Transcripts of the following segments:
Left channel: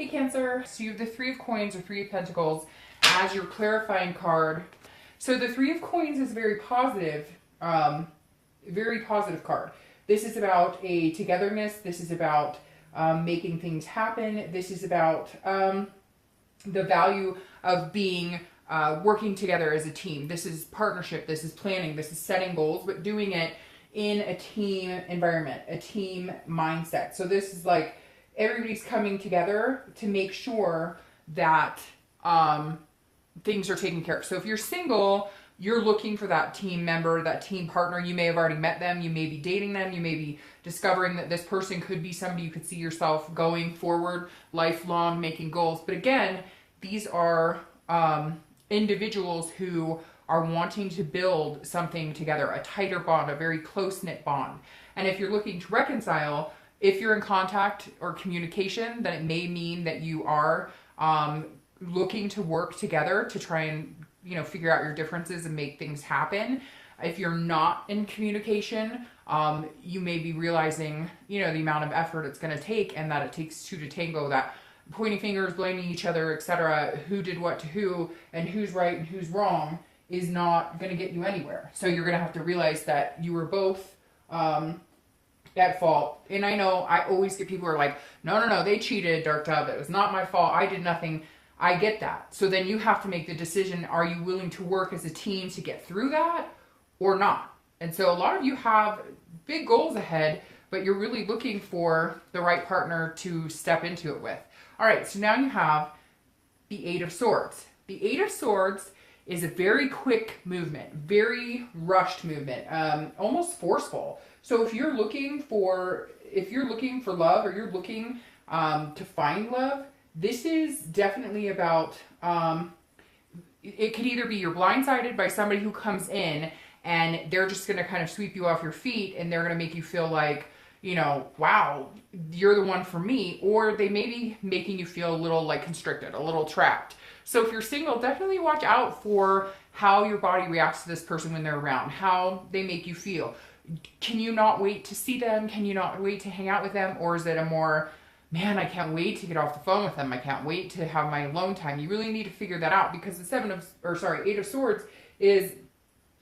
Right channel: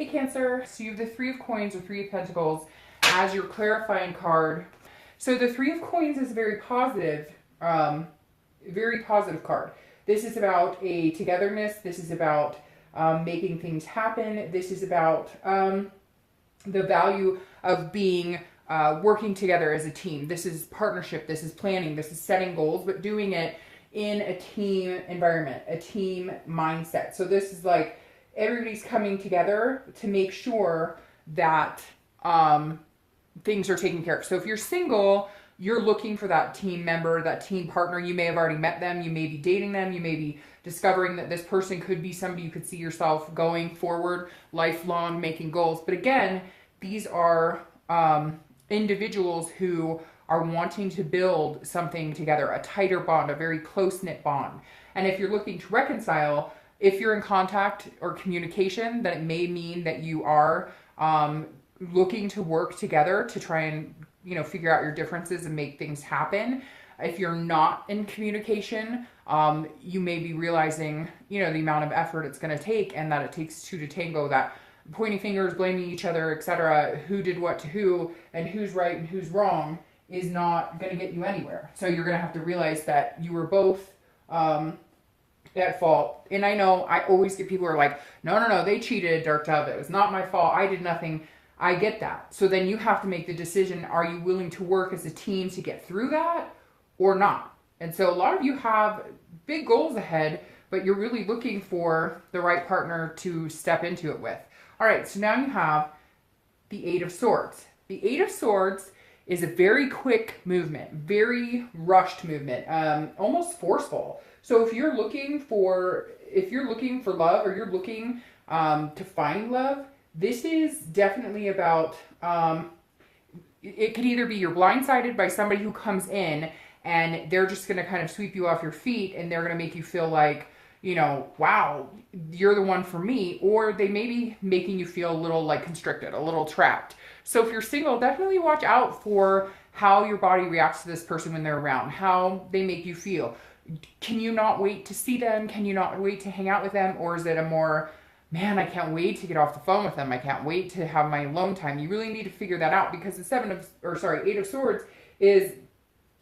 Hey Cancer, so you have the Three of Coins or Three of Pentacles as your clarifying card. So the Three of Coins is very positive card. This is about a togetherness. This is about making things happen. This is about the value of being working together as a team. This is partnership. This is planning. This is setting goals, but doing it in a team environment, a team mindset. So this is like everybody's coming together to make sure that things are taken care of. So if you're single, you're looking for that team member, that team partner. You may have already met them. You may be dating them. You may be discovering that this person could be somebody you could see yourself going forward, lifelong, making goals. But again, these are individuals who are wanting to build something together, a tighter bond, a very close-knit bond. And if you're looking to reconcile, if you're in contact or communication, that may mean that you are looking to work together to try and, you know, figure out your differences and make things happen. If you're not in communication, you may be realizing, you know, the amount of effort it's going to take and that it takes two to tango, that pointing fingers, blaming each other, etc., who did what to who and who's right and who's wrong is not going to get you anywhere. So you're going to have to realize that you were both at fault. And I know I always get people who are like, no, they cheated, Dark Dove. It was not my fault. I did nothing. I get that. So then you have to make the decision, are you willing to work as a team to get through that or not? And so a lot of you have big goals ahead, but you're really looking for the right partner to step into it with. All right, so now you have the Eight of Swords. The Eight of Swords is a very quick movement, very rushed movement, almost forceful. So if you're looking for love, or you're looking to find love, this is definitely about, it could either be you're blindsided by somebody who comes in and they're just going to kind of sweep you off your feet and they're going to make you feel like, you know, wow, you're the one for me. Or they may be making you feel a little like constricted, a little trapped. So if you're single, definitely watch out for how your body reacts to this person when they're around, how they make you feel. Can you not wait to see them? Can you not wait to hang out with them? Or is it a more, man, I can't wait to get off the phone with them. I can't wait to have my alone time. You really need to figure that out, because the Eight of Swords is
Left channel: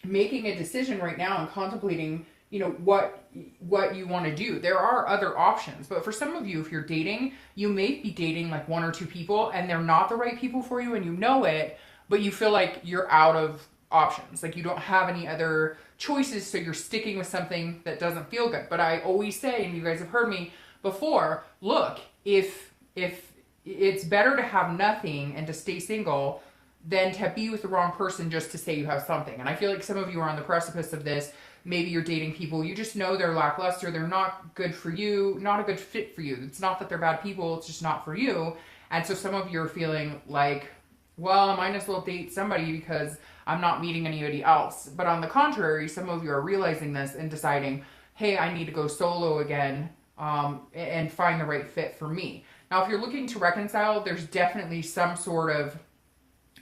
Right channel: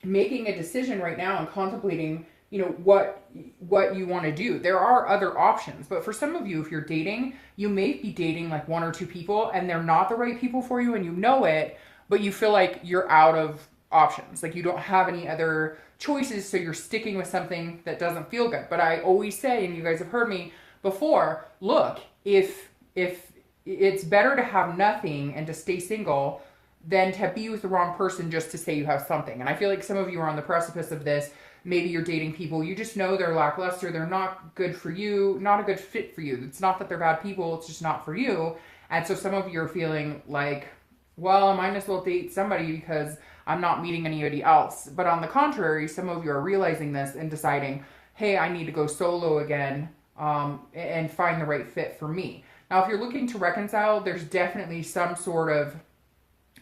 making a decision right now and contemplating, you know, what you want to do. There are other options, but for some of you, if you're dating, you may be dating like one or two people and they're not the right people for you and you know it, but you feel like you're out of options. Like you don't have any other choices, so you're sticking with something that doesn't feel good. But I always say, and you guys have heard me before, look, if it's better to have nothing and to stay single than to be with the wrong person just to say you have something. And I feel like some of you are on the precipice of this. Maybe you're dating people, you just know they're lackluster, they're not good for you, not a good fit for you. It's not that they're bad people, it's just not for you. And so some of you are feeling like, well, I might as well date somebody because I'm not meeting anybody else. But on the contrary, some of you are realizing this and deciding, hey, I need to go solo again and find the right fit for me. Now, if you're looking to reconcile, there's definitely some sort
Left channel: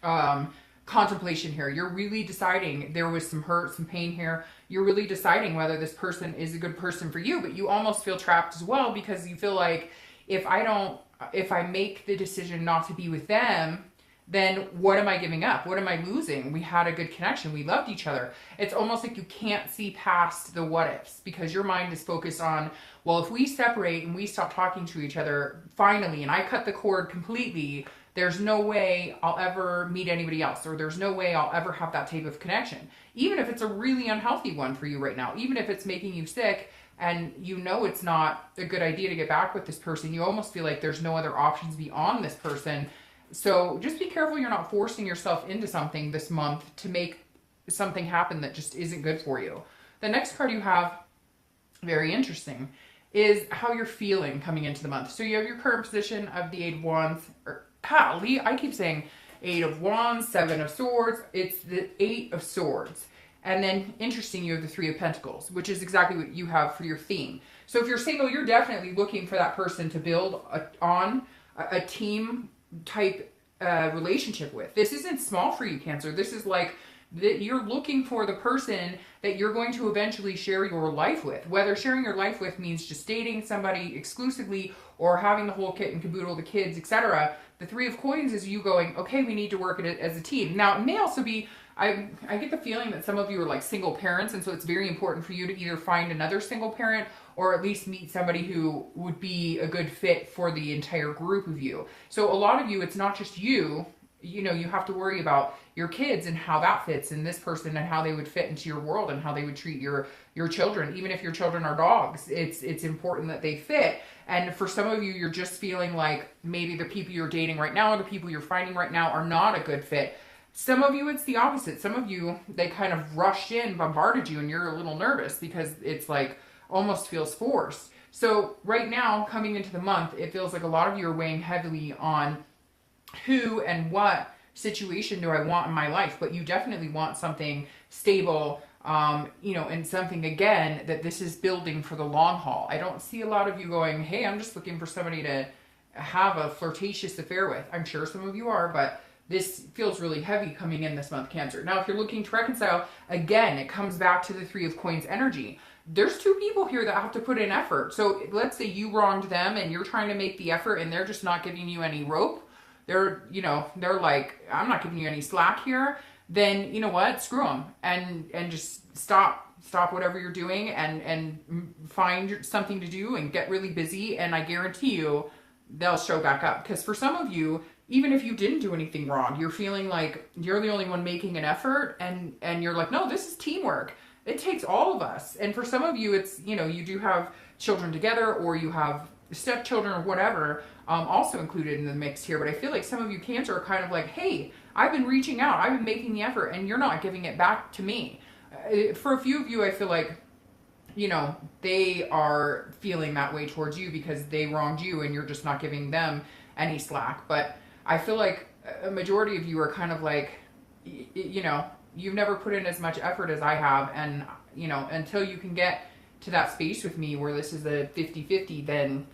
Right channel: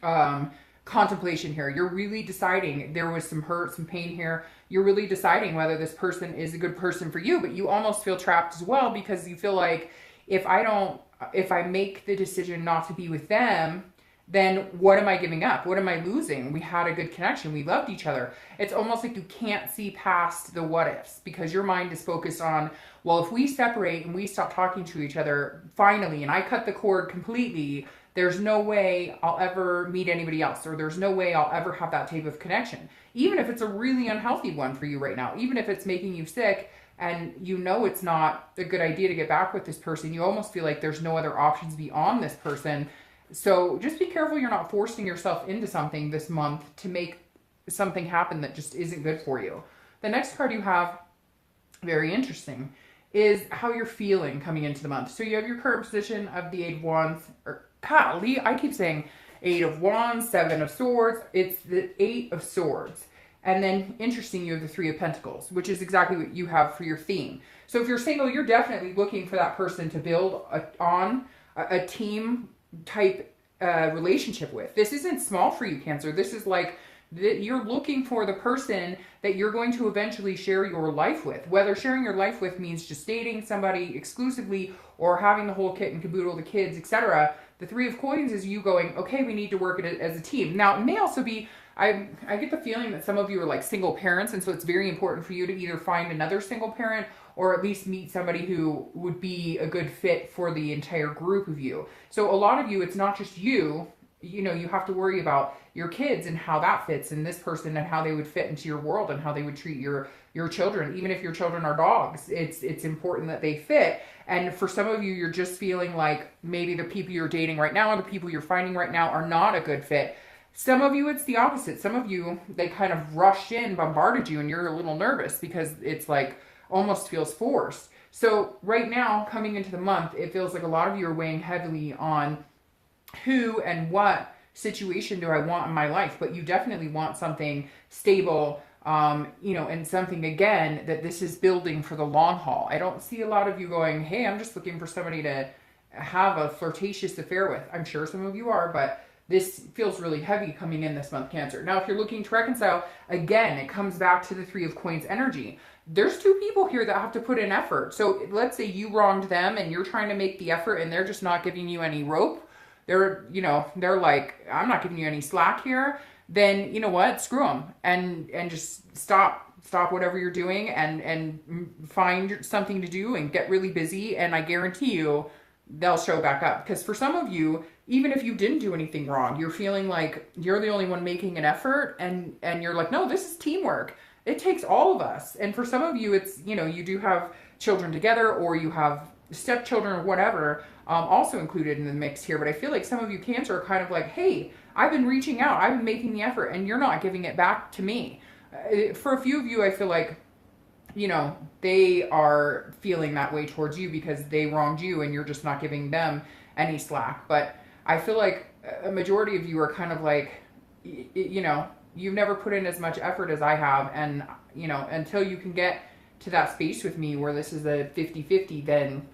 of contemplation here. You're really deciding, there was some hurt, some pain here. You're really deciding whether this person is a good person for you, but you almost feel trapped as well, because you feel like if I make the decision not to be with them, then what am I giving up? What am I losing? We had a good connection. We loved each other. It's almost like you can't see past the what ifs, because your mind is focused on, well, if we separate and we stop talking to each other finally, and I cut the cord completely, there's no way I'll ever meet anybody else, or there's no way I'll ever have that type of connection. Even if it's a really unhealthy one for you right now, even if it's making you sick and you know it's not a good idea to get back with this person, you almost feel like there's no other options beyond this person. So just be careful you're not forcing yourself into something this month to make something happen that just isn't good for you. The next card you have, very interesting, is how you're feeling coming into the month. So you have your current position of the Eight of Wands, I keep saying Eight of Wands, Seven of Swords. It's the Eight of Swords. And then, interesting, you have the Three of Pentacles, which is exactly what you have for your theme. So if you're single, you're definitely looking for that person to build on a team type relationship with. This isn't small for you, Cancer. This is like that you're looking for the person that you're going to eventually share your life with. Whether sharing your life with means just dating somebody exclusively or having the whole kit and caboodle, the kids, etc. The Three of Coins is you going, okay, we need to work it as a team. Now, it may also be, I get the feeling that some of you are like single parents, and so it's very important for you to either find another single parent or at least meet somebody who would be a good fit for the entire group of you. So a lot of you, it's not just you, you know, you have to worry about your kids and how that fits in this person and how they would fit into your world and how they would treat your children. Even if your children are dogs, it's important that they fit. And for some of you, you're just feeling like maybe the people you're dating right now or the people you're finding right now are not a good fit. Some of you, it's the opposite. Some of you, they kind of rushed in, bombarded you, and you're a little nervous because it's like almost feels forced. So right now, coming into the month, it feels like a lot of you are weighing heavily on who and what situation do I want in my life, but you definitely want something stable, you know, and something, again, that this is building for the long haul. I don't see a lot of you going, hey, I'm just looking for somebody to have a flirtatious affair with. I'm sure some of you are, but this feels really heavy coming in this month, Cancer. Now, if you're looking to reconcile, again, it comes back to the Three of Coins energy. There's two people here that have to put in effort. So let's say you wronged them and you're trying to make the effort and they're just not giving you any rope. They're, you know, they're like, I'm not giving you any slack here. Then, you know what? Screw them and just stop whatever you're doing and find something to do and get really busy. And I guarantee you they'll show back up. Because for some of you, even if you didn't do anything wrong, you're feeling like you're the only one making an effort and you're like, no, this is teamwork. It takes all of us. And for some of you, it's, you know, you do have children together or you have stepchildren or whatever, also included in the mix here. But I feel like some of you, Cancer, are kind of like, hey, I've been reaching out, I've been making the effort, and you're not giving it back to me. For a few of you, I feel like, you know, they are feeling that way towards you because they wronged you and you're just not giving them any slack. But I feel like a majority of you are kind of like, you know, you've never put in as much effort as I have. And, you know, until you can get to that space with me where this is a 50-50, then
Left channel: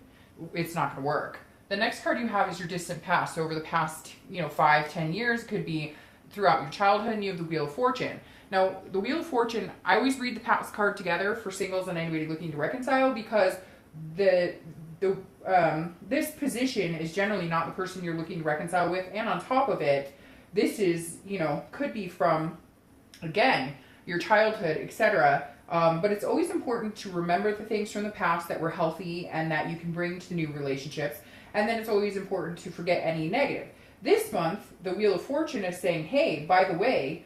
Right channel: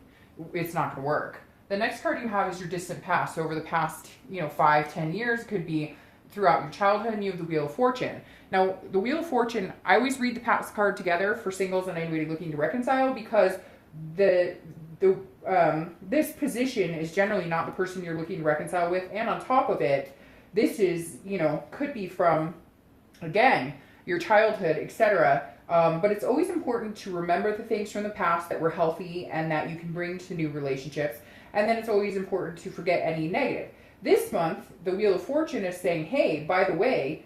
it's not going to work. The next card you have is your distant past. So over the past, you know, 5-10 years, could be throughout your childhood, and you have the Wheel of Fortune. Now, the Wheel of Fortune, I always read the past card together for singles and anybody looking to reconcile, because this position is generally not the person you're looking to reconcile with. And on top of it, this is, you know, could be from, again, your childhood, etc. But it's always important to remember the things from the past that were healthy and that you can bring to new relationships. And then it's always important to forget any negative. This month, the Wheel of Fortune is saying, hey, by the way,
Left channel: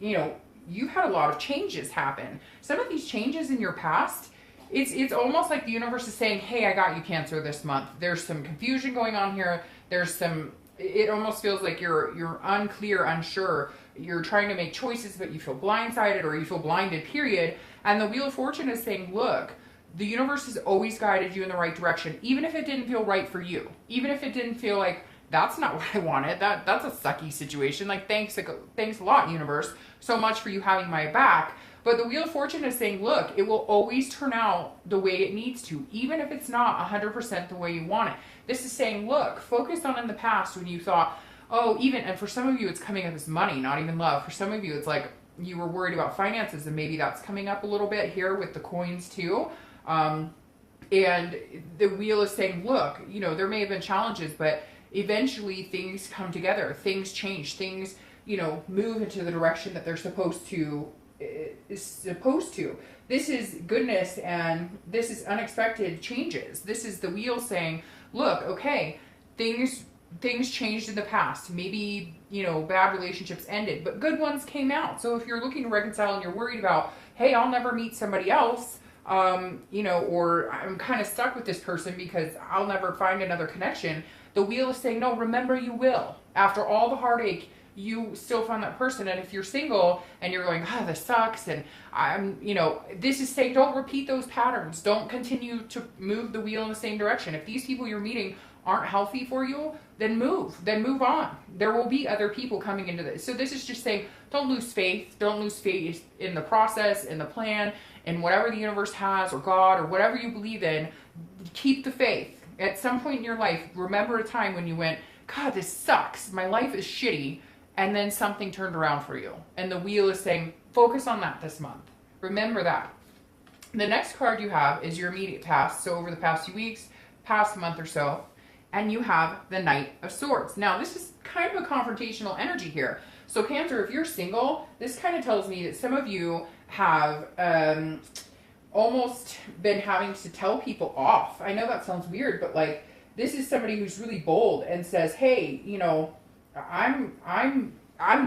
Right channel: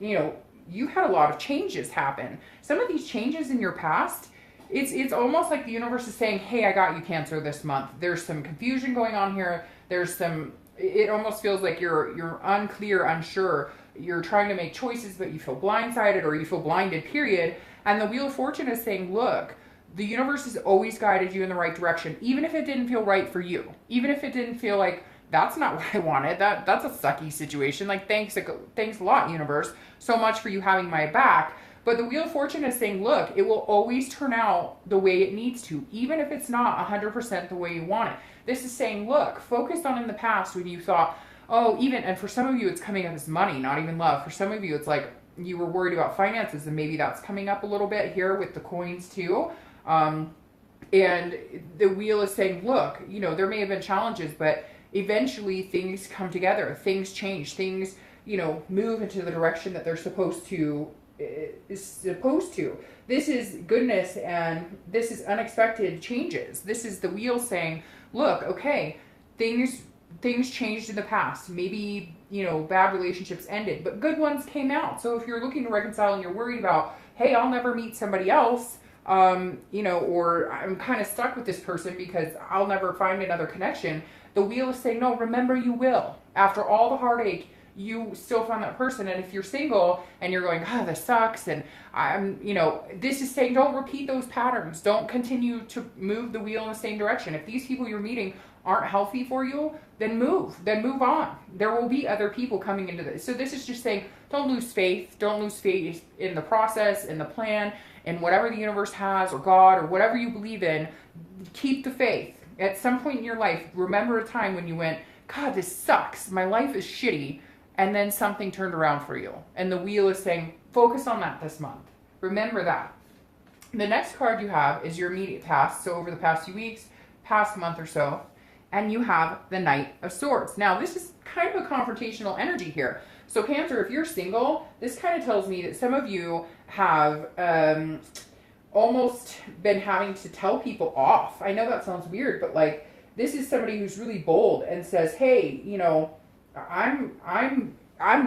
you know, you had a lot of changes happen. Some of these changes in your past, it's almost like the universe is saying, hey, I got you, Cancer, this month. There's some confusion going on here. There's some, it almost feels like you're unclear, unsure. You're trying to make choices, but you feel blindsided or you feel blinded, period. And the Wheel of Fortune is saying, look, the universe has always guided you in the right direction, even if it didn't feel right for you. Even if it didn't feel like, that's not what I wanted. That's a sucky situation. Like, thanks a lot, universe, so much for you having my back. But the Wheel of Fortune is saying, look, it will always turn out the way it needs to, even if it's not 100% the way you want it. This is saying, look, focus on in the past when you thought, oh, even, and for some of you, it's coming up as money, not even love. For some of you, it's like you were worried about finances, and maybe that's coming up a little bit here with the coins too. And the wheel is saying, look, you know, there may have been challenges, but eventually things come together, things change, things, you know, move into the direction that they're supposed to. This is goodness, and this is unexpected changes. This is the wheel saying, look, okay, things changed in the past. Maybe, you know, bad relationships ended, but good ones came out. So if you're looking to reconcile and you're worried about, hey, I'll never meet somebody else, you know, or I'm kind of stuck with this person because I'll never find another connection. The wheel is saying, no, remember, you will. After all the heartache, you still found that person. And if you're single and you're going, oh, this sucks, and I'm, you know, this is saying, don't repeat those patterns. Don't continue to move the wheel in the same direction. If these people you're meeting aren't healthy for you, then move on. There will be other people coming into this. So this is just saying, don't lose faith. Don't lose faith in the process, in the plan, in whatever the universe has, or God, or whatever you believe in. Keep the faith. At some point in your life, remember a time when you went, God, this sucks. My life is shitty. and then something turned around for you. And the wheel is saying, focus on that this month. Remember that. The next card you have is your immediate past. So over the past few weeks, past month or so, and you have the Knight of Swords. Now, this is kind of a confrontational energy here. So Cancer, if you're single, this kind of tells me that some of you have almost been having to tell people off. I know that sounds weird, but like, this is somebody who's really bold and says, hey, you know, I'm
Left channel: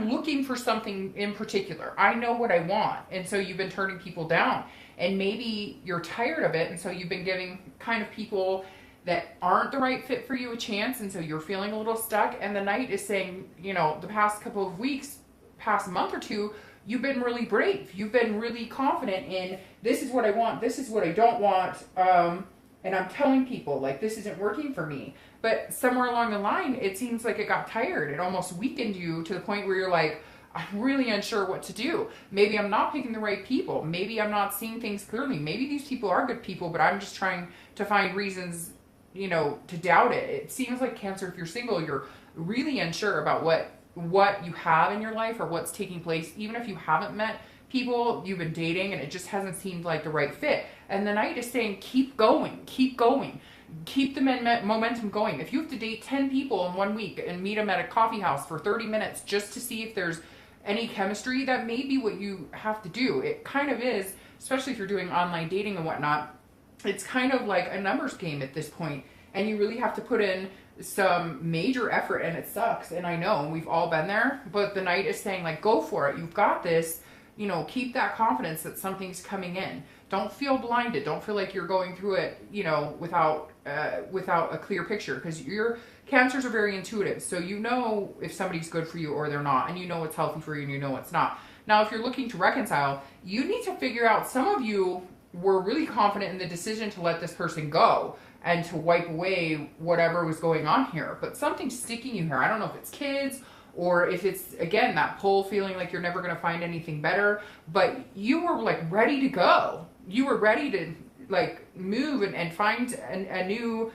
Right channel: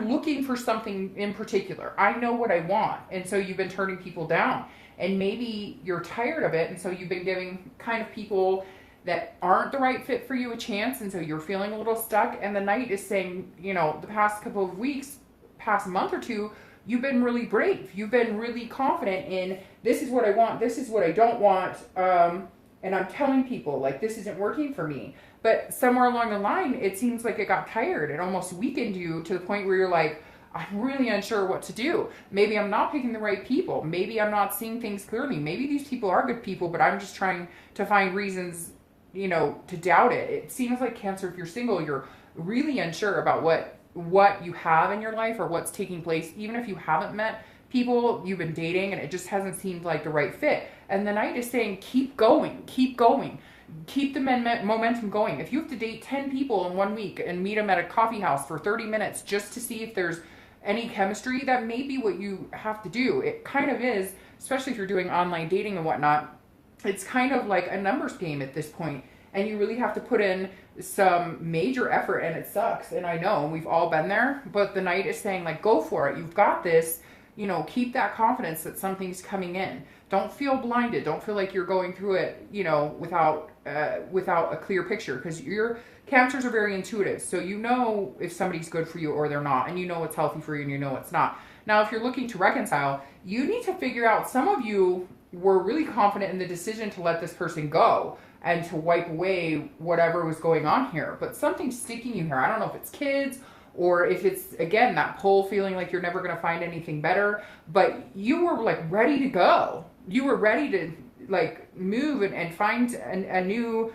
looking for something in particular. I know what I want. And so you've been turning people down. And maybe you're tired of it, and so you've been giving kind of people that aren't the right fit for you a chance, and so you're feeling a little stuck. And the Knight is saying, you know, the past couple of weeks, past month or two, you've been really brave. You've been really confident in, this is what I want, this is what I don't want, and I'm telling people, like, this isn't working for me. But somewhere along the line, it seems like it got tired. It almost weakened you to the point where you're like, I'm really unsure what to do. Maybe I'm not picking the right people. Maybe I'm not seeing things clearly. Maybe these people are good people, but I'm just trying to find reasons, you know, to doubt it. It seems like Cancer, if you're single, you're really unsure about what you have in your life or what's taking place. Even if you haven't met people you've been dating and it just hasn't seemed like the right fit. And the Knight is saying, keep going, keep going. Keep the momentum going. If you have to date 10 people in 1 week and meet them at a coffee house for 30 minutes just to see if there's any chemistry, that may be what you have to do. It kind of is, especially if you're doing online dating and whatnot. It's kind of like a numbers game at this point, and you really have to put in some major effort, and it sucks. And I know we've all been there, but the Knight is saying, like, go for it. You've got this. You know, keep that confidence that something's coming in. Don't feel blinded. Don't feel like you're going through it, you know, without a clear picture, because your Cancers are very intuitive. So you know if somebody's good for you or they're not, and you know what's healthy for you and you know what's not. Now, if you're looking to reconcile, you need to figure out, some of you were really confident in the decision to let this person go and to wipe away whatever was going on here, but something's sticking you here. I don't know if it's kids or if it's, again, that pull, feeling like you're never going to find anything better, but you were like ready to go. You were ready to like move and find a new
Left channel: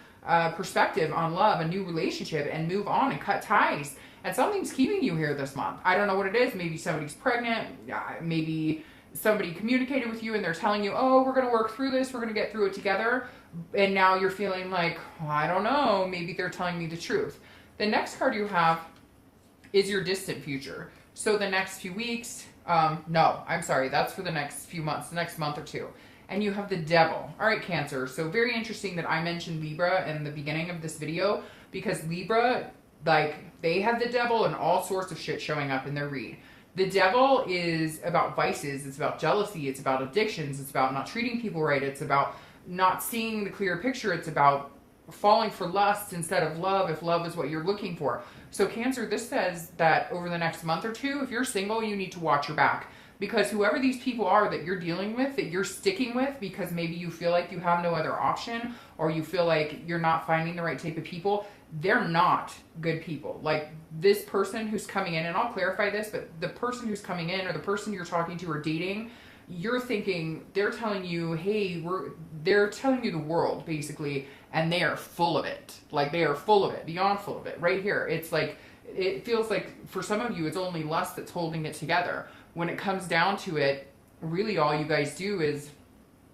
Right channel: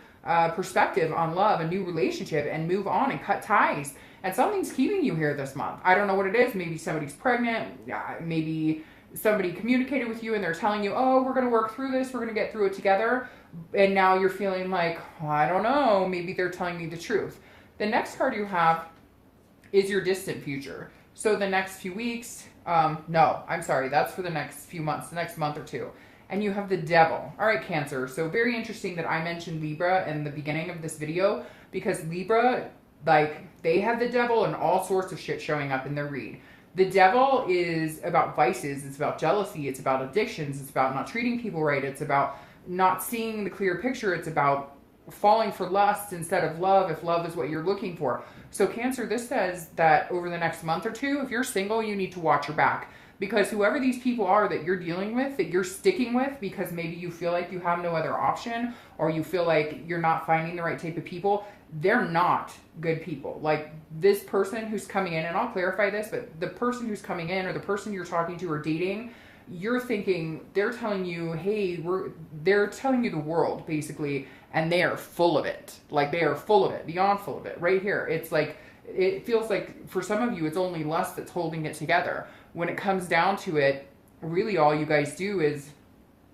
perspective on love, a new relationship, and move on and cut ties. And something's keeping you here this month. I don't know what it is. Maybe somebody's pregnant. Maybe somebody communicated with you and they're telling you, oh, we're going to work through this. We're going to get through it together. And now you're feeling like, well, I don't know. Maybe they're telling me the truth. The next card you have is your distant future. So the next few weeks, no, I'm sorry. That's for the next few months, the next month or two. And you have the Devil. All right, Cancer. So very interesting that I mentioned Libra in the beginning of this video, because Libra, like, they have the Devil and all sorts of shit showing up in their read. The Devil is about vices. It's about jealousy. It's about addictions. It's about not treating people right. It's about not seeing the clear picture. It's about falling for lust instead of love, if love is what you're looking for. So Cancer, this says that over the next month or two, if you're single, you need to watch your back. Because whoever these people are that you're dealing with, that you're sticking with, because maybe you feel like you have no other option, or you feel like you're not finding the right type of people, they're not good people. Like, this person who's coming in, and I'll clarify this, but the person who's coming in, or the person you're talking to or dating, you're thinking, they're telling you, hey, they're telling you the world, basically, and they are full of it. Like, they are full of it, beyond full of it. Right here, it's like, it feels like for some of you, it's only lust that's holding it together. When it comes down to it, really all you guys do is,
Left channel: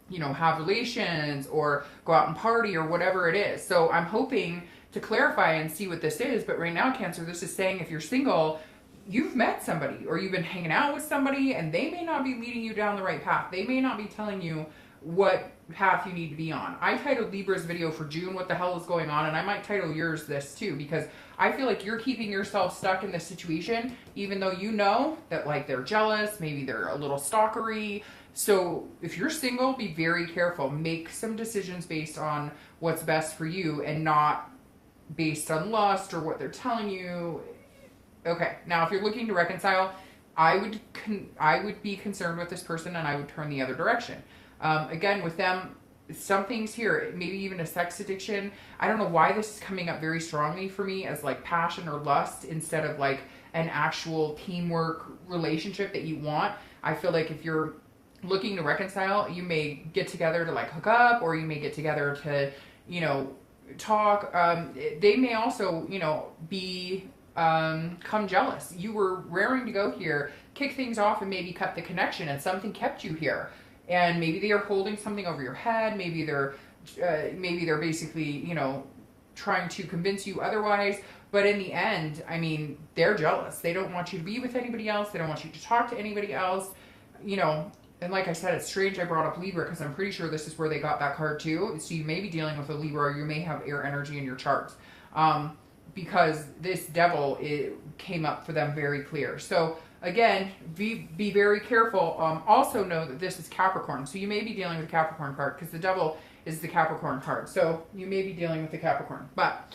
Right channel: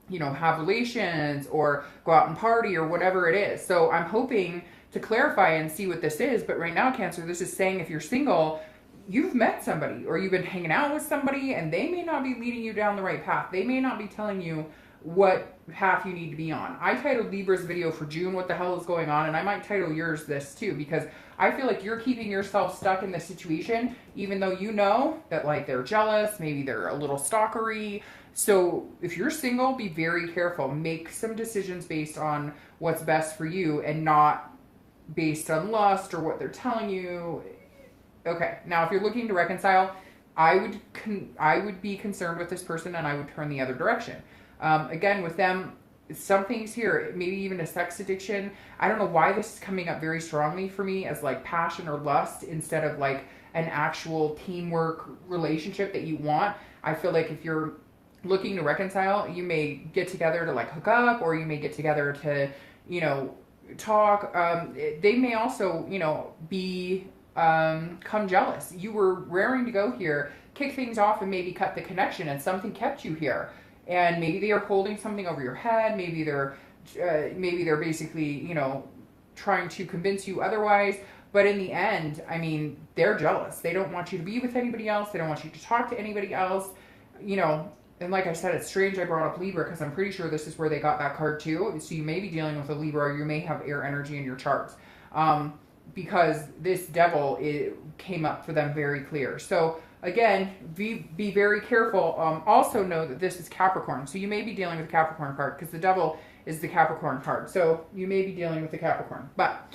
you know, have relations or go out and party or whatever it is. So I'm hoping to clarify and see what this is. But right now, Cancer, this is saying if you're single, you've met somebody or you've been hanging out with somebody, and they may not be leading you down the right path. They may not be telling you what path you need to be on. I titled Libra's video for June, what the hell is going on? And I might title yours this too, because I feel like you're keeping yourself stuck in this situation, even though you know that, like, they're jealous, maybe they're a little stalkery. So if you're single, be very careful. Make some decisions based on what's best for you and not based on lust or what they're telling you. Okay, now if you're looking to reconcile, I would be concerned with this person and I would turn the other direction. Again, with them, some things here, maybe even a sex addiction. I don't know why this is coming up very strongly for me as like passion or lust instead of like an actual teamwork relationship that you want. I feel like if you're looking to reconcile, you may get together to like hook up, or you may get together to, you know, talk. They may also, you know, be come jealous. You were raring to go here, kick things off, and maybe cut the connection, and something kept you here. And maybe they are holding something over your head. Maybe they're basically, you know, trying to convince you otherwise. But in the end, I mean, they're jealous. They don't want you to be with anybody else. They don't want you to talk to anybody else. You know, and like I said, it's strange I brought up Libra because I'm pretty sure this is where they got that card too. So you may be dealing with a Libra, or you may have air energy in your charts. Because this devil came up for them very clear. So again, be very careful. Also know that this is Capricorn. So you may be dealing with Capricorn card because the devil is the Capricorn card. So you may be dealing with the Capricorn. But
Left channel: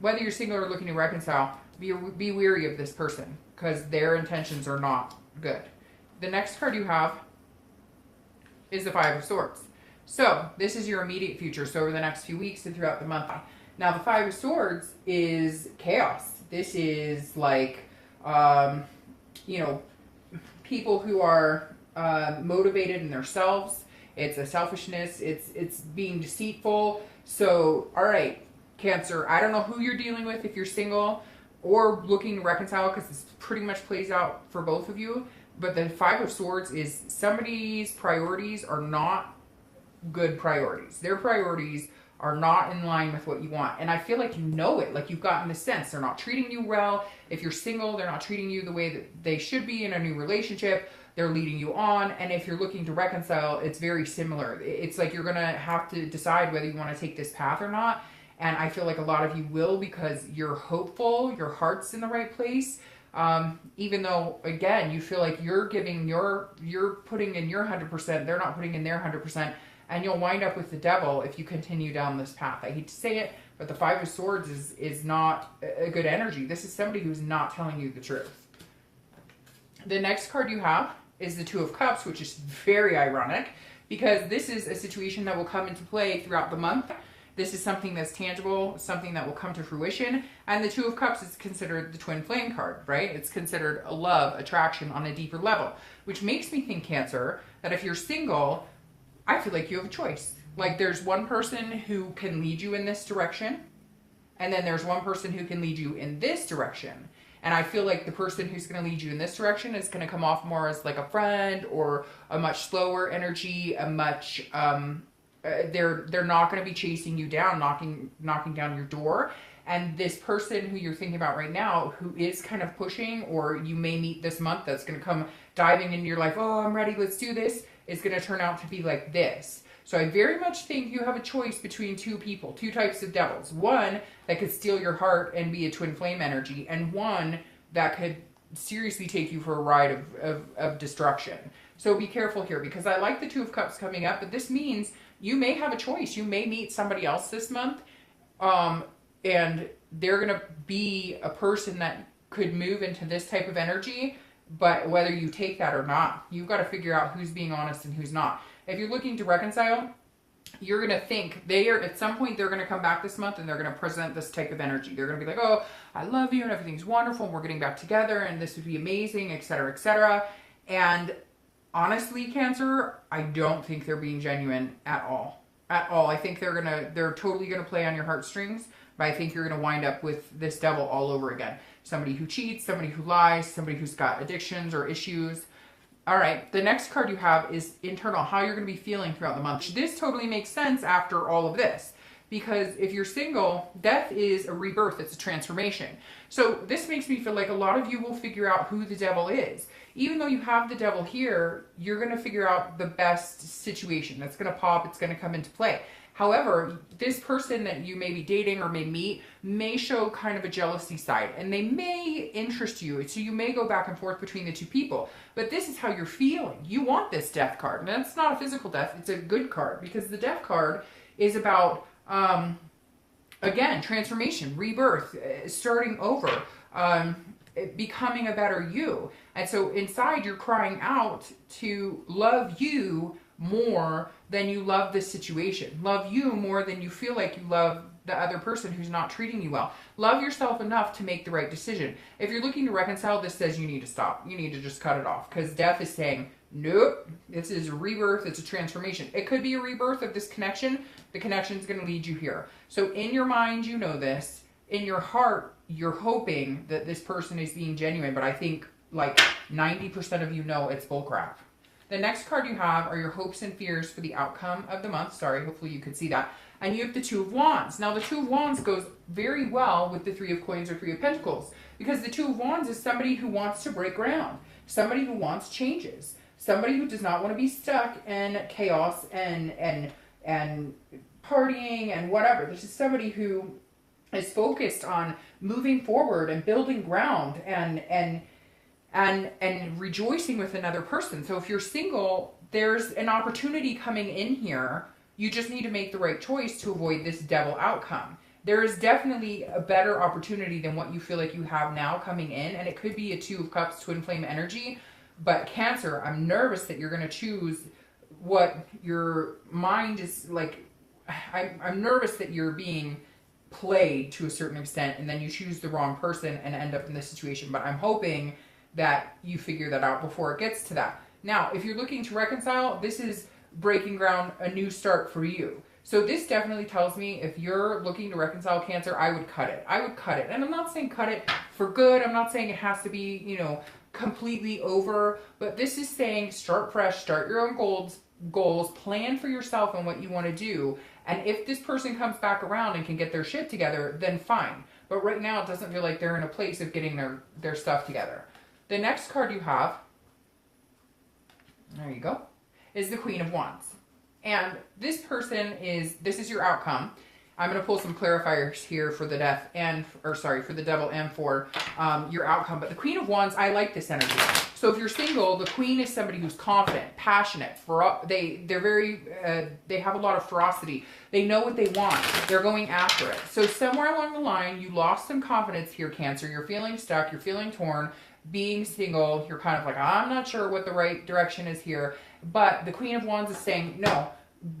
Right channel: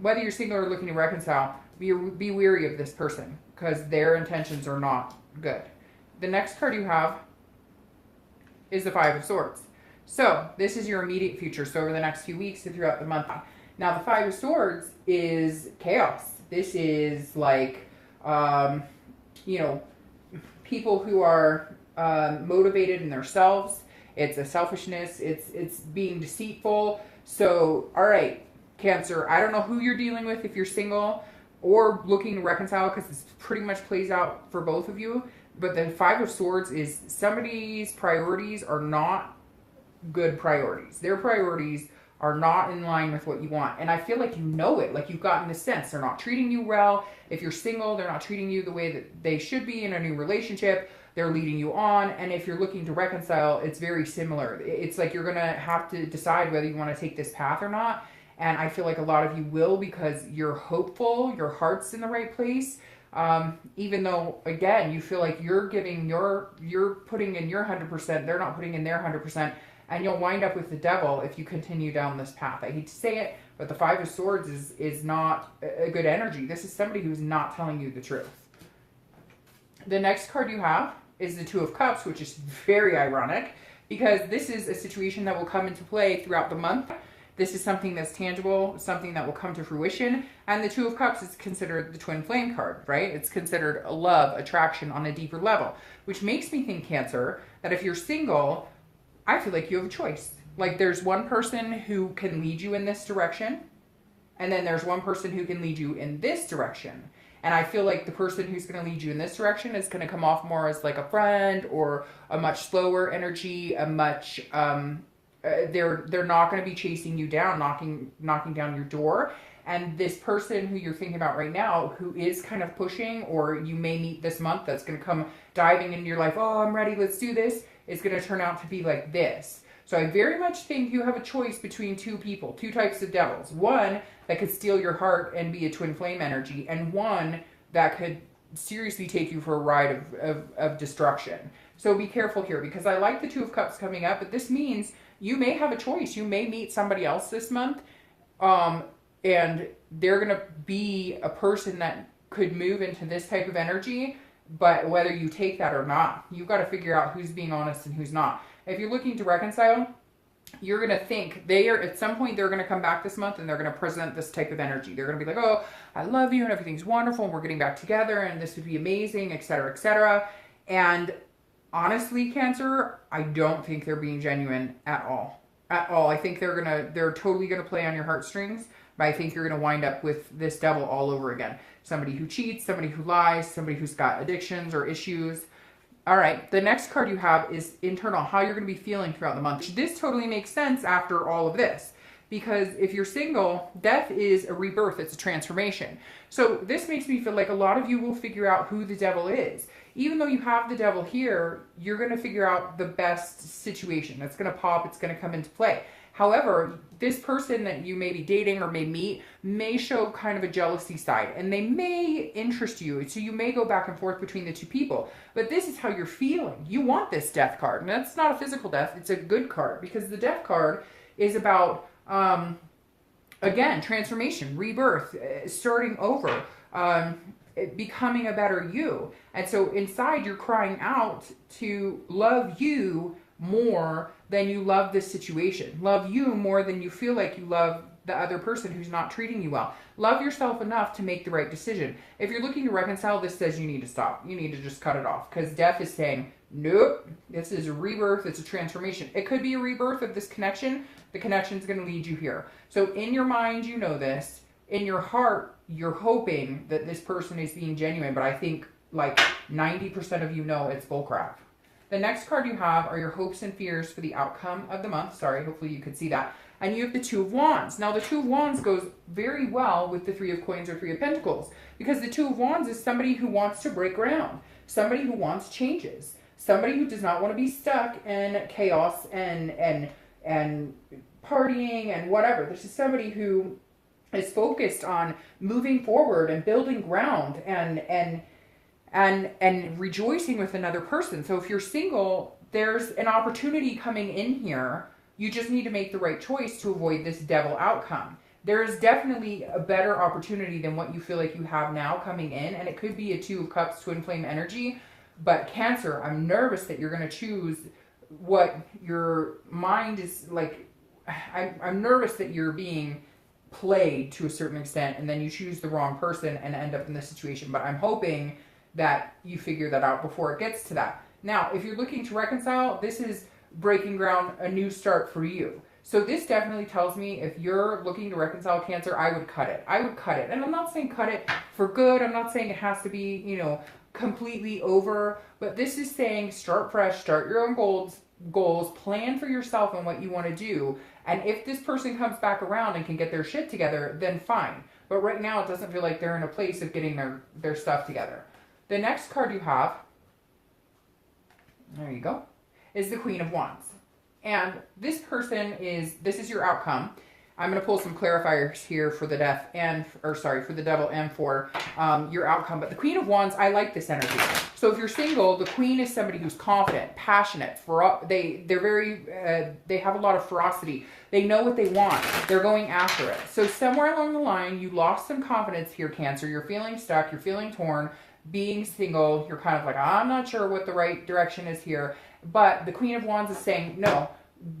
whether you're single or looking to reconcile, be wary of this person because their intentions are not good. The next card you have is the Five of Swords. So this is your immediate future. So over the next few weeks and throughout the month. Now the Five of Swords is chaos. This is like, you know, people who are motivated in themselves. It's a selfishness. It's being deceitful. So, all right, Cancer, I don't know who you're dealing with if you're single or looking to reconcile because this pretty much plays out for both of you. But the Five of Swords is somebody's priorities are not good priorities. Their priorities are not in line with what you want. And I feel like you know it, like you've gotten the sense. They're not treating you well. If you're single, they're not treating you the way that they should be in a new relationship. They're leading you on. And if you're looking to reconcile, it's very similar. It's like you're going to have to decide whether you want to take this path or not. And I feel like a lot of you will because you're hopeful, your heart's in the right place. Even though, again, you feel like you're giving you're putting in your 100%, they're not putting in their 100%. And you'll wind up with the devil if you continue down this path. I hate to say it, but the Five of Swords is not a good energy. This is somebody who's not telling you the truth. The next card you have is the Two of Cups, which is very ironic because this is a situation that will come into play throughout the month. This is something that's tangible, something that will come to fruition. And the Two of Cups is considered the twin flame card, right? It's considered a love, attraction on a deeper level, which makes me think, Cancer, that if you're single, I feel like you have a choice. Like there's one person who can lead you in this direction, and then there's one person who can lead you in this direction. And I feel like the person who's going to lead you in this direction is going to come off more as like a friend or a much slower energy, a much they're not going to be chasing you down, knocking down your door. And this person who you're thinking about right now, who is kind of pushing, or you may meet this month, that's going to come diving into your life, oh, I'm ready, let's do this, is going to turn out to be like this. So I very much think you have a choice between two people, two types of devils. One that could steal your heart and be a twin flame energy, and one that could seriously take you for a ride of destruction. So be careful here, because I like the Two of Cups coming up, but this means you may have a choice. You may meet somebody else this month, and they're going to be a person that could move into this type of energy, but whether you take that or not, you've got to figure out who's being honest and who's not. If you're looking to reconcile, you're going to think at some point they're going to come back this month and they're going to present this type of energy. They're going to be like, oh, I love you and everything's wonderful and we're getting back together and this would be amazing, etc., etc. And honestly, Cancer, I don't think they're being genuine at all. At all. I think they're totally going to play on your heartstrings, but I think you're going to wind up with this devil all over again. Somebody who cheats, somebody who lies, somebody who's got addictions or issues. All right, the next card you have is internal, how you're going to be feeling throughout the month. This totally makes sense after all of this, because if you're single, death is a rebirth, it's a transformation. So this makes me feel like a lot of you will figure out who the devil is. Even though you have the devil here, you're going to figure out the best situation. It's going to pop, it's going to come into play. However, this person that you may be dating or may meet may show kind of a jealousy side, and they may interest you. So you may go back and forth between the two people. But this is how you're feeling. You want this death card. And that's not a physical death. It's a good card, because the death card is about, again, transformation, rebirth, starting over, becoming a better you. And so inside you're crying out to love you more than you love this situation. Love you more than you feel like you love the other person who's not treating you well. Love yourself enough to make the right decision. If you're looking to reconcile, this says you need to stop. You need to just cut it off, because death is saying, nope, this is a rebirth, it's a transformation. It could be a rebirth of this connection. The connection is going to lead you here. So in your mind, you know this. in your heart, you're hoping that this person is being genuine, but I think like 90% of you know it's bullcrap. The next card you have are your hopes and fears for the outcome of the month. Sorry, hopefully you can see that. And you have the Two of Wands. Now the Two of Wands goes very well with the Three of Coins or Three of Pentacles, because the Two of Wands is somebody who wants to break ground, somebody who wants changes, somebody who does not want to be stuck in chaos and partying and whatever. This is somebody who is focused on moving forward and building ground and rejoicing with another person. So if you're single, there's an opportunity coming in here. You just need to make the right choice to avoid this devil outcome. There is definitely a better opportunity than what you feel like you have now coming in, and it could be a Two of Cups, twin flame energy. But Cancer, I'm nervous that you're going to choose what your mind is like. I'm nervous that you're being played to a certain extent, and then you choose the wrong person and end up in this situation. But I'm hoping that you figure that out before it gets to that. Now, if you're looking to reconcile, this is breaking ground, a new start for you. So this definitely tells me if you're looking to reconcile, Cancer, I would cut it. I would cut it. And I'm not saying cut it for good. I'm not saying it has to be, you know, completely over. But this is saying start fresh, start your own goals, plan for yourself and what you want to do. And if this person comes back around and can get their shit together, then fine. But right now it doesn't feel like they're in a place of getting their stuff together. The next card you have, there you go, is the Queen of Wands. And this person this is your outcome. I'm going to pull some clarifiers here for the for the devil and for your outcome. But the Queen of Wands, I like this energy. So if you're single, the Queen is somebody who's confident, passionate. They have a lot of ferocity. They know what they want. They're going after it. So somewhere along the line, you lost some confidence here, Cancer. You're feeling stuck. You're feeling torn. Being single, you're kind of like, I'm not sure what the right direction is here. But the Queen of Wands is saying, no,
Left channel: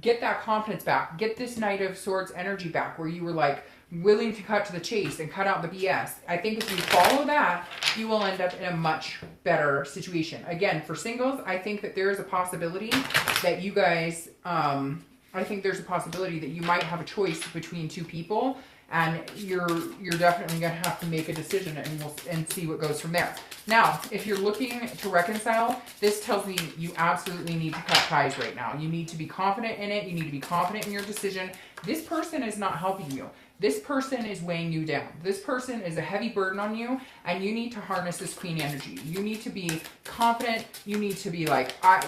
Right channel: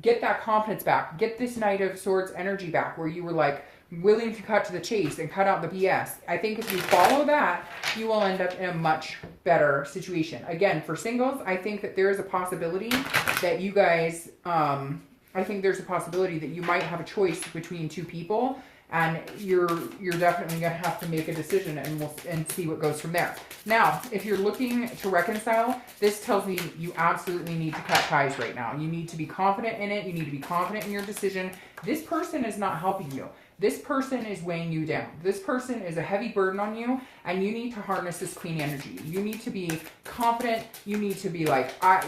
get that confidence back. Get this Knight of Swords energy back where you were like willing to cut to the chase and cut out the BS. I think if you follow that, you will end up in a much better situation. Again, for singles, I think that there is a possibility that you guys, I think there's a possibility that you might have a choice between two people. And you're definitely going to have to make a decision, and see what goes from there. Now, if you're looking to reconcile, this tells me you absolutely need to cut ties right now. You need to be confident in it. You need to be confident in your decision. This person is not helping you. This person is weighing you down. This person is a heavy burden on you, and you need to harness this Queen energy. You need to be confident. You need to be like, I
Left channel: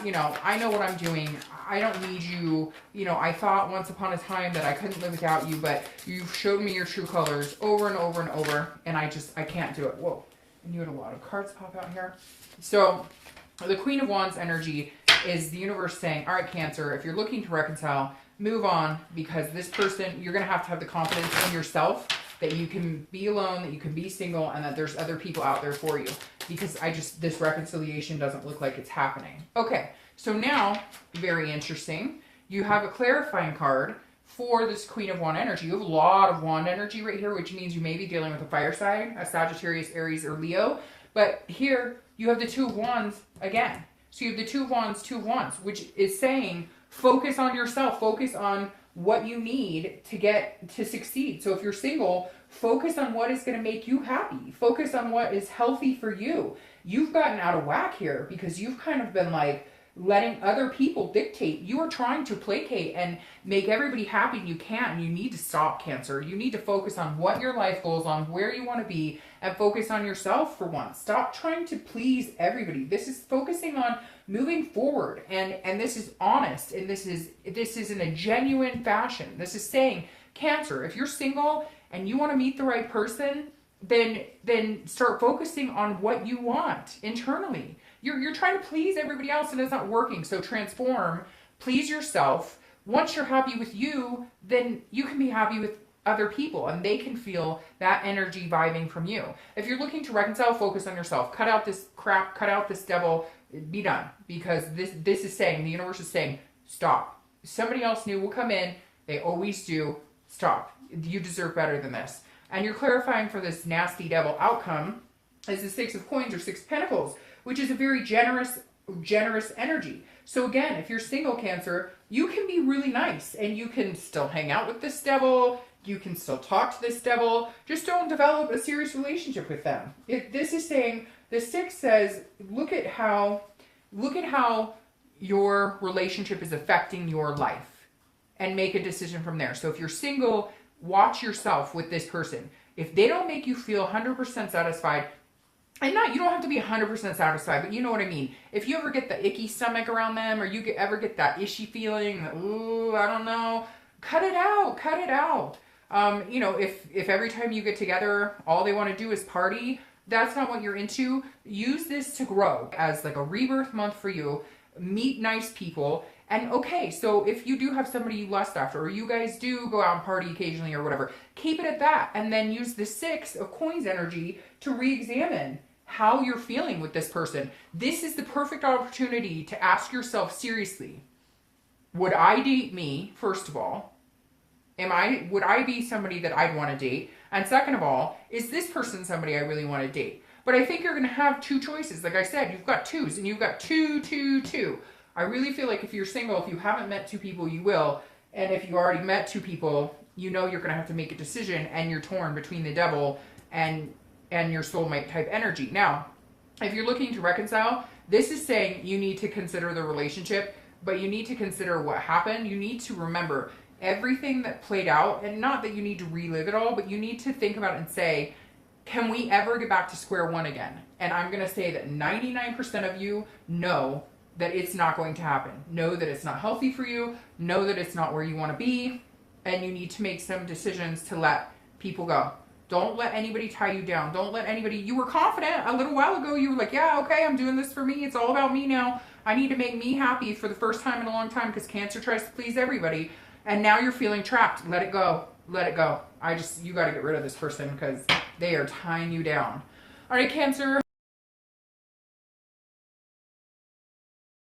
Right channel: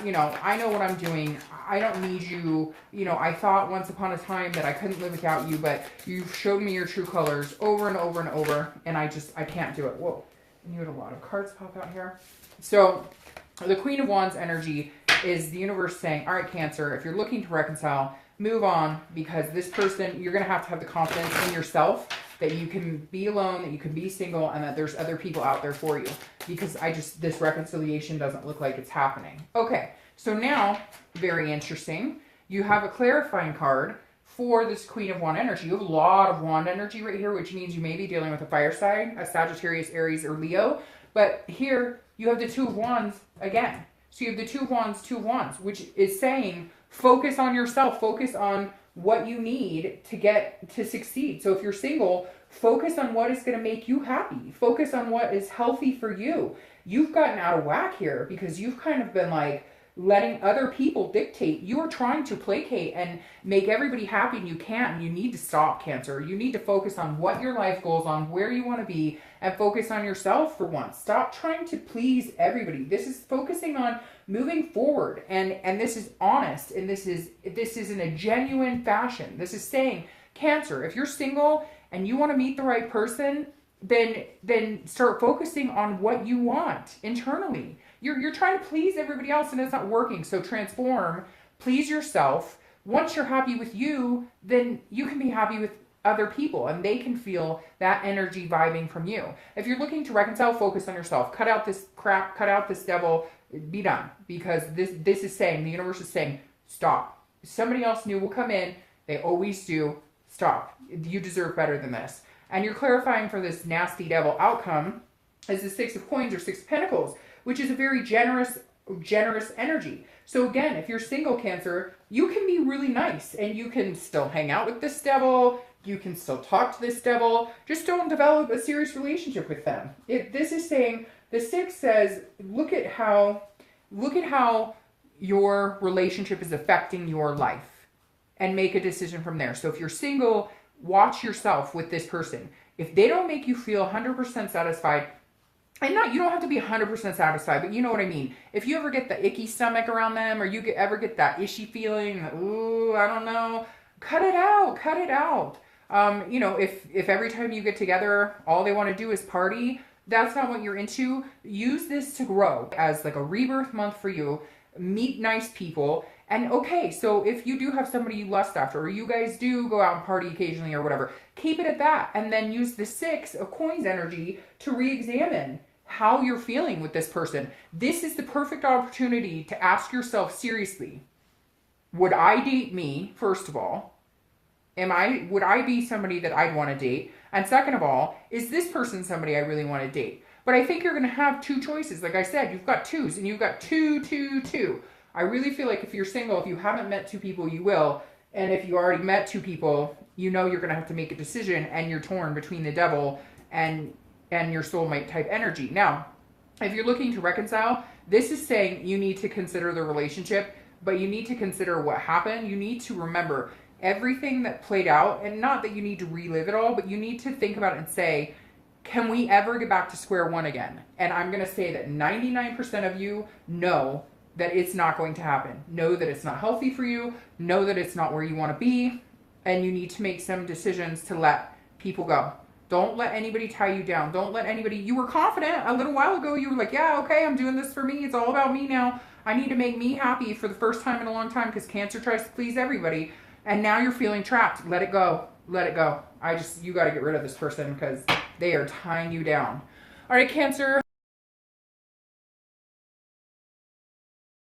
know what I'm doing. I don't need you. I thought once upon a time that I couldn't live without you, but you've showed me your true colors over and over and over, and I can't do it. Whoa, and you had a lot of cards pop out here. So the Queen of Wands energy is the universe saying, all right, Cancer, if you're looking to reconcile, move on, because this person, you're going to have the confidence in yourself that you can be alone, that you can be single, and that there's other people out there for you, because this reconciliation doesn't look like it's happening. Okay, so now, very interesting, you have a clarifying card for this Queen of Wand energy. You have a lot of Wand energy right here, which means you may be dealing with a fire sign, a Sagittarius, Aries, or Leo. But here, you have the Two of Wands again. So you have the Two of Wands, which is saying, focus on yourself. Focus on what you need to succeed. So if you're single, focus on what is going to make you happy. Focus on what is healthy for you. You've gotten out of whack here because you've kind of been like letting other people dictate. You are trying to placate and make everybody happy, and you can't. You need to stop, Cancer. You need to focus on what your life goals on, where you want to be, and focus on yourself for once. Stop trying to please everybody. This is focusing on moving forward, and this is honest, and this is in a genuine fashion. This is saying, Cancer, if you're single and you want to meet the right person, then start focusing on what you want internally. You're trying to please everybody else and it's not working. So transform, please yourself. Once you're happy with you, then you can be happy with other people and they can feel that energy vibing from you. If you're looking to reconcile, focus on yourself. Cut out this crap, cut out this devil, be done. Because this is saying, the universe is saying, stop. Somebody else new will come in. They always do. Stop. You deserve better than this. And you're clarifying for this nasty devil outcome is the Six of Coins or Six of Pentacles, which is a very generous energy. So again, if you're single, Cancer, you can be really nice and you can still hang out with this devil, You can still talk to this devil. Just don't develop a serious relationship with them. This is saying, the 6 says, look at how your relationship is affecting your life and make a decision from there. So if you're single, watch yourself with this person. If they don't make you feel 100% satisfied, and you don't have to be 100% satisfied, but you know what I mean. If you ever get the icky stomach around them, or you ever get that ishy feeling, ooh, I don't know, cut it out, cut it out. You know, if every time you get together, all they want to do is party, that's not what you're into. Use this to grow as like a rebirth month for you. Meet nice people. And okay, so if you do have somebody you lust after, or you guys do go out and party occasionally or whatever, keep it at that. And then use the 6 of coins energy to re-examine how you're feeling with this person. This is the perfect opportunity to ask yourself seriously, would I date me, first of all? Would I be somebody that I'd want to date? And second of all, is this person somebody I really want to date? But I think you're going to have 2 choices. Like I said, you've got 2s, and you've got 2, 2, 2. I really feel like if you're single, if you haven't met 2 people, you will. And if you already met 2 people, you know you're going to have to make a decision, and you're torn between the devil and your soulmate type energy. Now, if you're looking to reconcile, this is saying you need to consider the relationship, but you need to consider what happened. You need to remember everything that played out, and not that you need to relive it all, but you need to think about it and say, can we ever get back to square one again? And I'm going to say that 99% of you know that it's not going to happen. Know that it's not healthy for you. Know that it's not where you want to be. And you need to make some decisions to let people go. Don't let anybody tie you down. Don't let anybody... You were confident a little while ago. You were like, yeah, okay, I'm doing this for me. It's all about me now. I need to make me happy for the first time in a long time, because Cancer tries to please everybody. And now you're feeling trapped. Let it go. Let it go. You got to get rid of this person because they are tying you down. All right, Cancer.